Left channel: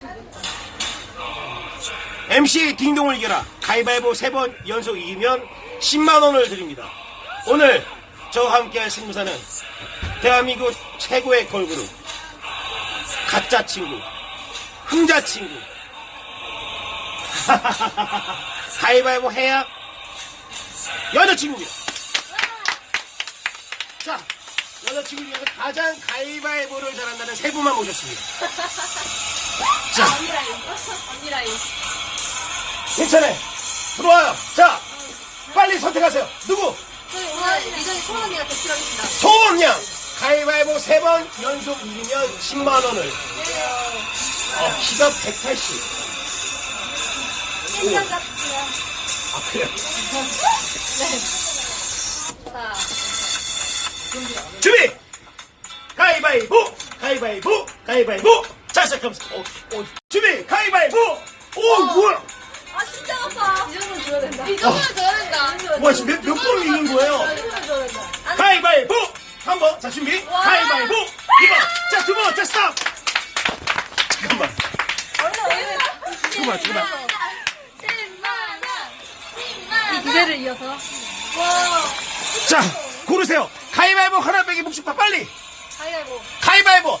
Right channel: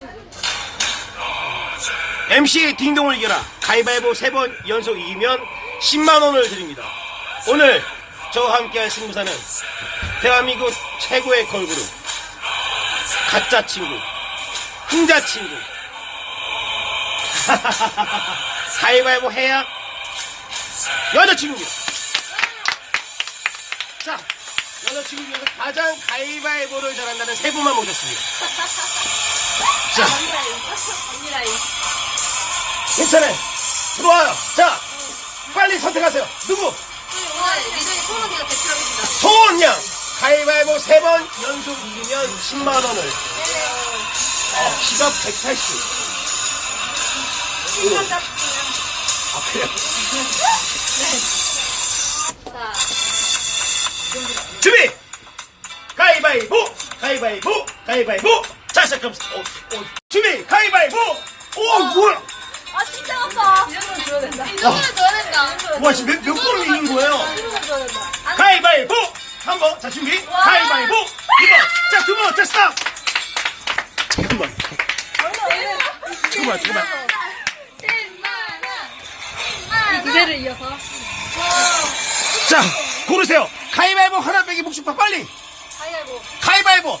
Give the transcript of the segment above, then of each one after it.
MC 딩동을 이겨라 가위바위보 세 번 연속 이기면 10만원을 드립니다 오늘 저와 함께할 승부사는 대한민국 최고의 걸그룹 가짜친구 흥자친구 가위바위보 해야 여자친구입니다 자 여자친구 중에서 가장 가위바위보를 잘한다는 세 분만 모셨습니다 자. 아, 언니라 인천에 들어와요. 자, 응. 빨리 선택하세요. 누구? 아, 소원냥 가위바위보 세번 연속 이기면 10만 원을. 네네. 어, 키가 180. 아, 그래. 준비. 가위바위보, 가위바위보, 가위바위보. 아, 자, 그럼, 오, 오. 준비 가위바위보 오, 오 뭐야 아 진짜 아파 이, 이 정도는 줘야 된다 이 정도는 줘야 다와 아. 몇, 몇 번을 있는 마, 거예요 이 정도는 줘야 다 가위바위보 한 번 자 준비 가위바위보 이거자두번 아. 됐어 네. 잠깐만. 아, 잠깐만 잠깐만 잠깐만 무대를 이어서 와. 자 거. 고르세요 가위바위보 하나 빼기 복식파 빨리 가위바위보 가위바위보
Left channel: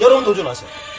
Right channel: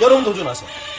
여러분 도전하세요.